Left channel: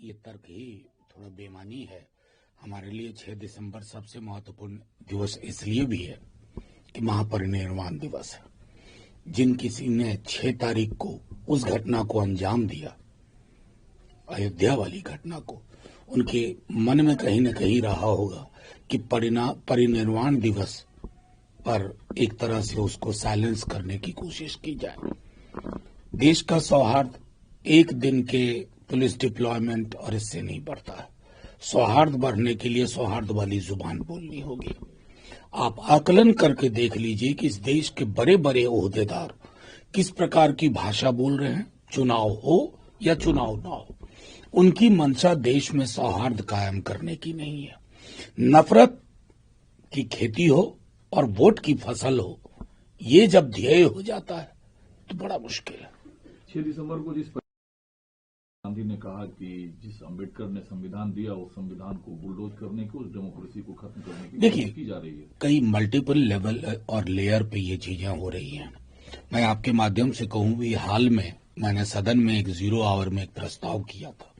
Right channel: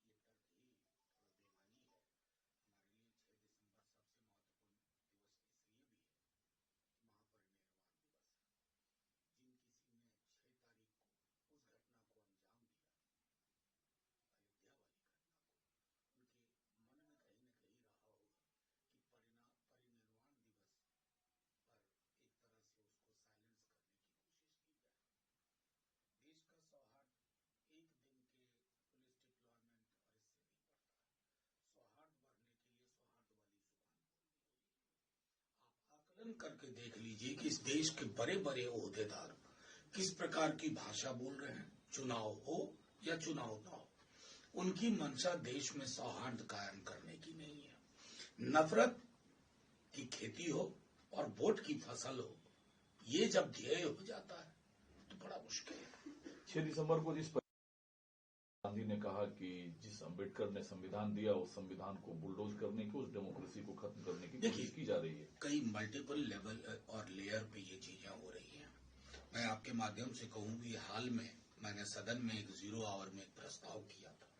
ये तर्क ही थोड़ा बेमानी है। हमारे लिए 6 दिसंबर सबसे महत्वपूर्ण दिवस इसलिए भी है कि महापरिनिर्वाण दिवस है। जिन किसी ने 6 तारीख को उस घटना को अंजाम दिया, अयोध्या वाली घटना को, उनके मन में कहीं न कहीं रहा होगा कि परिनिर्वाण दिवस पर एक तरह से उसको साइलेंस करने की कोशिश की जाए। देश का सौहार्द एक दिन के पुलिस डिप्लॉयमेंट और इससे नहीं बढ़ता है। सौहार्द बढ़ने के लिए सौहार्द वाली जुबान बोलनी होगी। आप आकलन करके देख लीजिए कि इस देश के बड़े बड़े ओहदेदार किस प्रकार की भाषा बोल रहे हैं। चुनाव हो या चुनाव ना हो, उनकी मंशा देश में सौहार्द कायम करने की नहीं है। नफरत की खेती हो और वोट की फसल हो, ये जब ध्येय हो जाता है तो बड़ा मुश्किल है। 6 दिसंबर को जिस गांधी ने कहा कि जिस अंबेडकर ने संविधान दिया, उस संविधान को बुलडोज करने की, उस डेमोक्रेसी को खत्म करने की कोशिश की जा रही है। कई मल्टीपल लेवल और लेयर पे ये चीजें हो रही हैं। मैं आपके माध्यम से कहूं भी, हाल में मैंने सदन में एक 0 आवर में एक प्रस्ताव किया था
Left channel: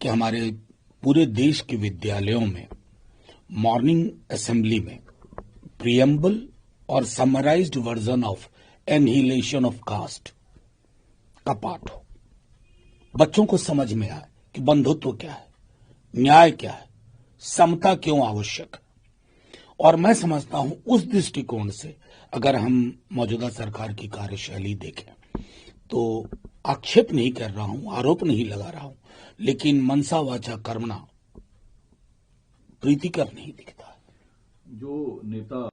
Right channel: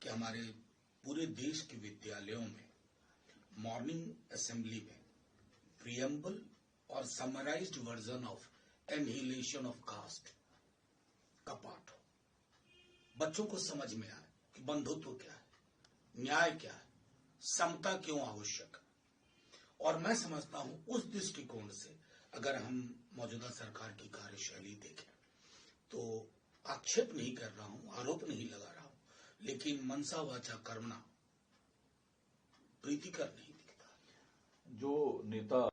कि हमारे पूरे देश के विद्यालयों में मॉर्निंग असेंबली में प्रियम्बल और summarised version of annihilation of caste का पाठ हो। बच्चों को समझ में आए कि बंधुत्व क्या है, न्याय क्या है, समता क्यों आवश्यक है। और मैं समझता हूं उस दृष्टिकोण से अगर हम मौजूदा सरकार की कार्यशैली देखें तो आक्षेप नहीं कर रहा हूं, आरोप नहीं लगा रहा हूं, लेकिन मनसा वाचा कर्मणा प्रीतिकर नहीं दिखता है। जो नेता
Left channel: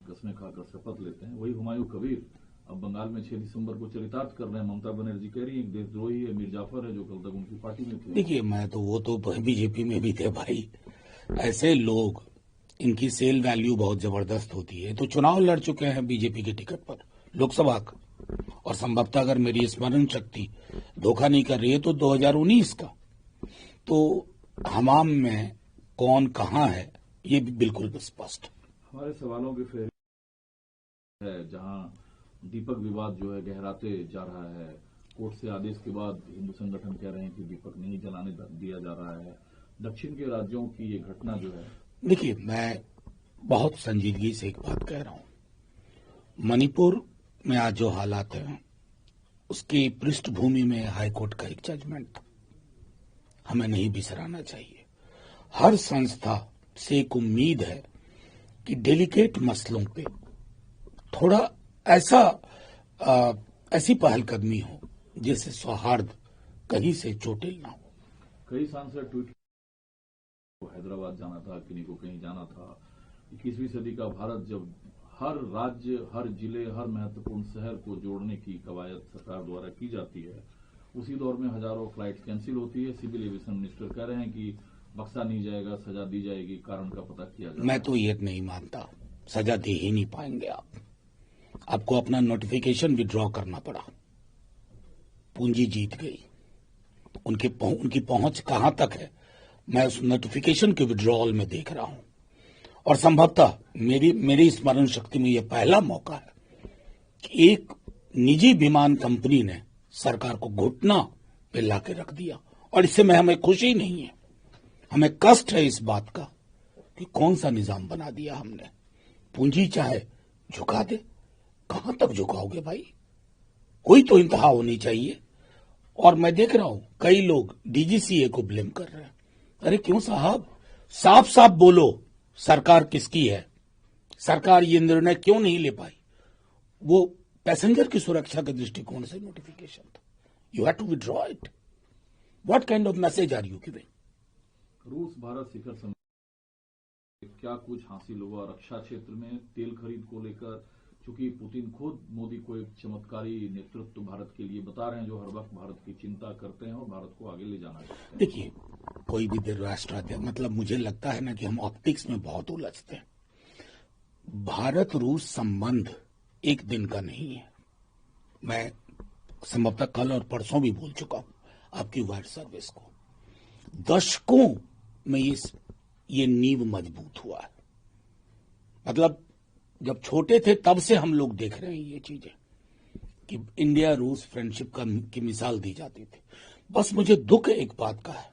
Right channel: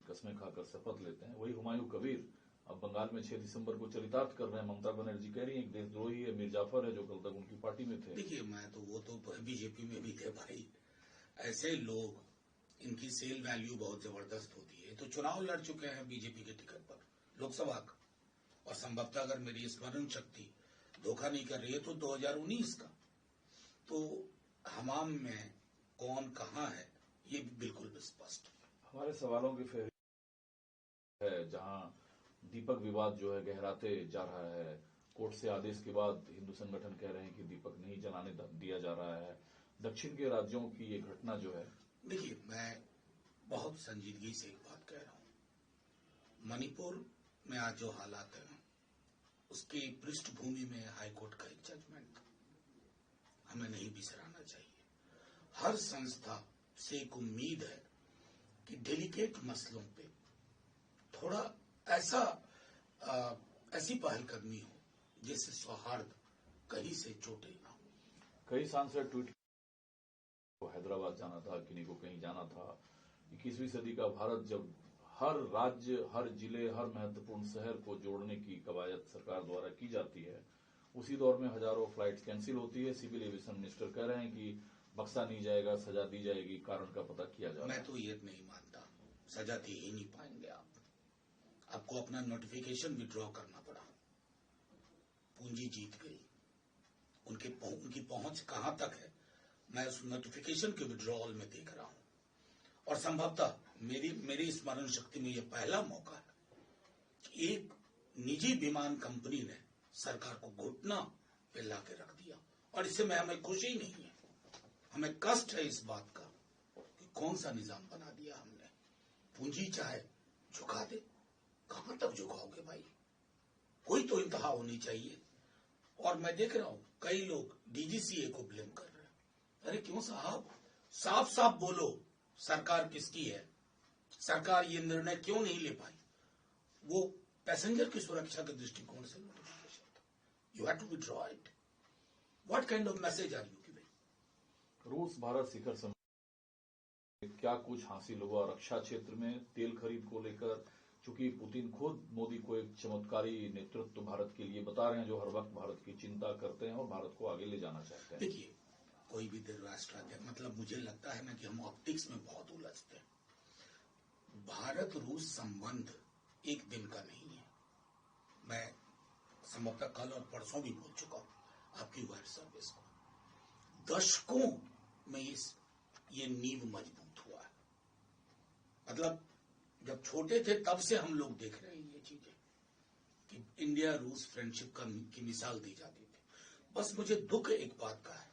कसमें खाकर शपथ लेते हैं, वही हुमायूं कबीर अब बंगाल में 6 दिसंबर को चरितार्थ कर रहे हैं। ममता बनर्जी कह रही है देशद्रोही है, मीर जाफर है, जो कल तक उनकी पार्टी में थे। देखिए, मैं तो वो तो बीजेपी में भी थे भाई। ऐसे लोग, इनकी सेल वैल्यू बहुत जबरदस्त होती है। तो चुनाव लड़ चुके हैं बीजेपी के टिकट पर लोकसभा का, और संभवतः अगर मेरी स्मरण शक्ति धोखा नहीं कर रही है तो 2019 का। तो हमाम में कौन कहां है ये भी बिल्कुल स्पष्ट। हमारे सवालों की फेरी है जहां दीपक विवाद जो है गहराते जा रहा है। कोर्ट से आदेश के बाद हिंदू संगठन कह रहे हैं कि दीपक नहीं जलाने दिया जा रहा है। दक्षिण के राज्यों की ये घटना जो है, देखिए, मैं बहुत संजीदगी से एक बात कह रहा हूं। मणिपुर में आज जो हालात हैं उसकी पृष्ठभूमि में हाईकोर्ट का एक जजमेंट था, हमें नहीं बिसराना चाहिए। हर संस्था से एक उम्मीद है कि डेलिकेट मसलों पे थोड़ा ऐसी पहलकदमी हो जिससे सौहार्द कहीं से चोटिल ना हो। कई सांसद ट्वीट हैदराबाद जाना था, किन्हीं को कहीं जाना था। 21वीं सदी का भारत जब हर राज्य, हर जिले, हर महत्वपूर्ण शहर को जोड़ने की कवायद सरकार द्वारा की जाती है, उसी दौर में हजारों फ्लाइट कैंसिल होती है। सिविल एविएशन मिनिस्टर कह रहे हैं कि बख्शा नहीं जाएगा, सजा दी जाएगी, कारण का पता किया जाएगा। मैं तो ये नहीं मानता, सजा दे ही नहीं पाएंगे आपको अपना नोटिफिकेशन विड्रॉ करना पड़ा। पूंजी जीत गई, उनकी पहुंच कहां तक है मैं उस नोटिफिकेशन के विड्रॉल में देख रहा हूं। और संभवतः मेरी स्मरण शक्ति में यह पहला मौका है कि एक निजी विमान कंपनी ने सरकार को घुटना पे लाके रख दिया, और इससे हमें खुशी नहीं है, हमें कष्ट है इस बात का कि कौन सा निजाम बना दिया हमने। पूंजी चाहे झुका दे, कहां तक झुकाओगे भाई, कोई तो इंतहा होनी चाहिए। और मैं देख रहा हूं कई लोग डीजीसीए को ब्लेम कर रहे हैं। अरे क्यों साहब, साफ साफ बोलो सरकार किसकी है, सरकार ये निर्णय क्यों नहीं ले पाई। वो पैसेंजर की सुरक्षा के दृष्टिकोण से नोटिफिकेशन था, you have to withdraw it. What kind of message are you giving. रूस भारत शिखर सम्मेलन क्या कुछ हासिल हुआ रक्षा क्षेत्र में, तेल खरीद को लेकर, चूंकि पुतिन खुद मोदी को एक चमत्कारी नेतृत्व भारत के लिए बता रहे हैं, जो हर वक्त भारत की चिंता करते हैं और भारत को आगे ले जाना चाहते हैं। देखिए, कोई भी राष्ट्राध्यक्ष, मतलब मुझे लगता है ना कि हम ऑप्टिक्स में बहुत उलझते हैं। भारत रूस संबंध एक दिन का नहीं है। मैं संभवतः कल और परसों भी बोल चुका हूं आपकी वायर सर्विस को। दशकों में ये नींव मजबूत हुआ है। मतलब जब छोटे थे तब से हम लोग देख रहे हैं ये चीजें कि इंडिया रूस फ्रेंडशिप की मिसाल दी जाती थी। बस मुझे दुख एक बात का है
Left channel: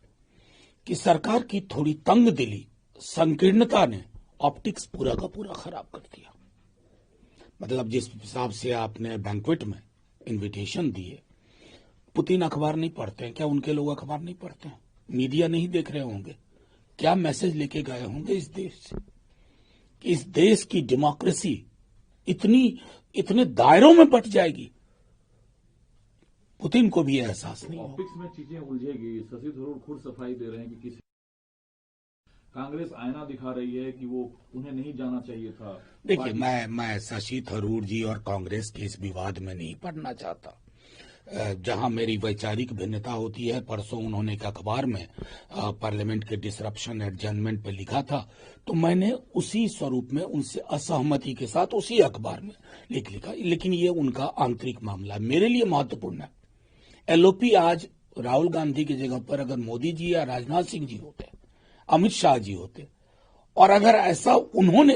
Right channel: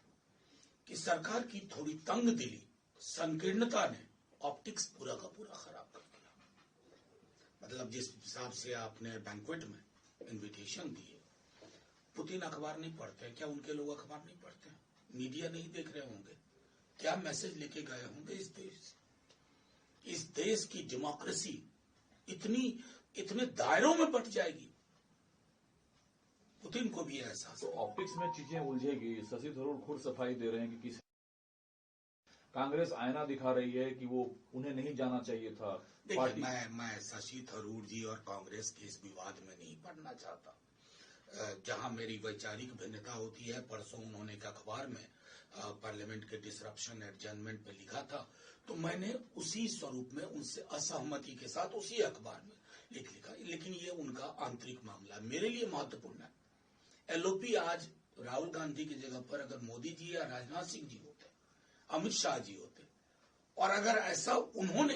कि सरकार की थोड़ी तंग दिली, संकीर्णता ने ऑप्टिक्स पूरा का पूरा खराब कर दिया। मतलब जिस हिसाब से आपने बैंक्वेट में इनविटेशन दिए, पुतिन अखबार नहीं पढ़ते हैं क्या? उनके लोग अखबार नहीं पढ़ते हैं? मीडिया नहीं देख रहे होंगे? क्या मैसेज लेके गए होंगे इस देश से कि इस देश की डेमोक्रेसी इतने दायरों में बट जाएगी? पुतिन को भी एहसास नहीं। ऑप्टिक्स में चीजें उलझेगी। शशि थरूर खुद सफाई दे रहे हैं कि किसी कांग्रेस आईना दिखा रही है कि वो उन्हें नहीं जाना चाहिए था। देखिए, मैं शशि थरूर जी और कांग्रेस के इस विवाद में नहीं पड़ना चाहता। जहां मेरी वैचारिक भिन्नता होती है, परसों उन्होंने एक अखबार में पार्लियामेंट के डिसरप्शन एडजर्नमेंट पे लिखा था, तो मैंने उसी स्वरूप में उनसे असहमति के साथ उसी अखबार में लिखा। लेकिन ये उनका आंतरिक मामला है, मेरे लिए महत्वपूर्ण है। एलओपी आज राहुल गांधी की जगह पर अगर मोदी जी या राजनाथ सिंह जी होते, अमित शाह जी होते, और अगर ऐसा उन्होंने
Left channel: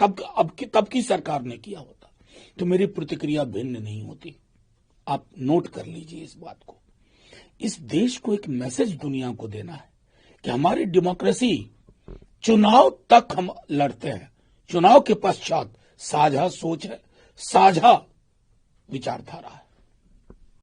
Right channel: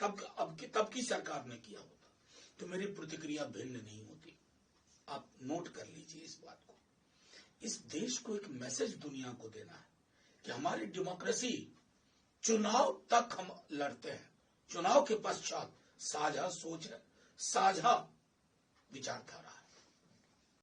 तब की सरकार ने किया होता, तो मेरी प्रतिक्रिया भिन्न नहीं होती। आप नोट कर लीजिए इस बात को। इस देश को एक मैसेज दुनिया को देना है कि हमारी डेमोक्रेसी चुनाव तक हम लड़ते हैं, चुनाव के पश्चात साझा सोच है, साझा विचारधारा है।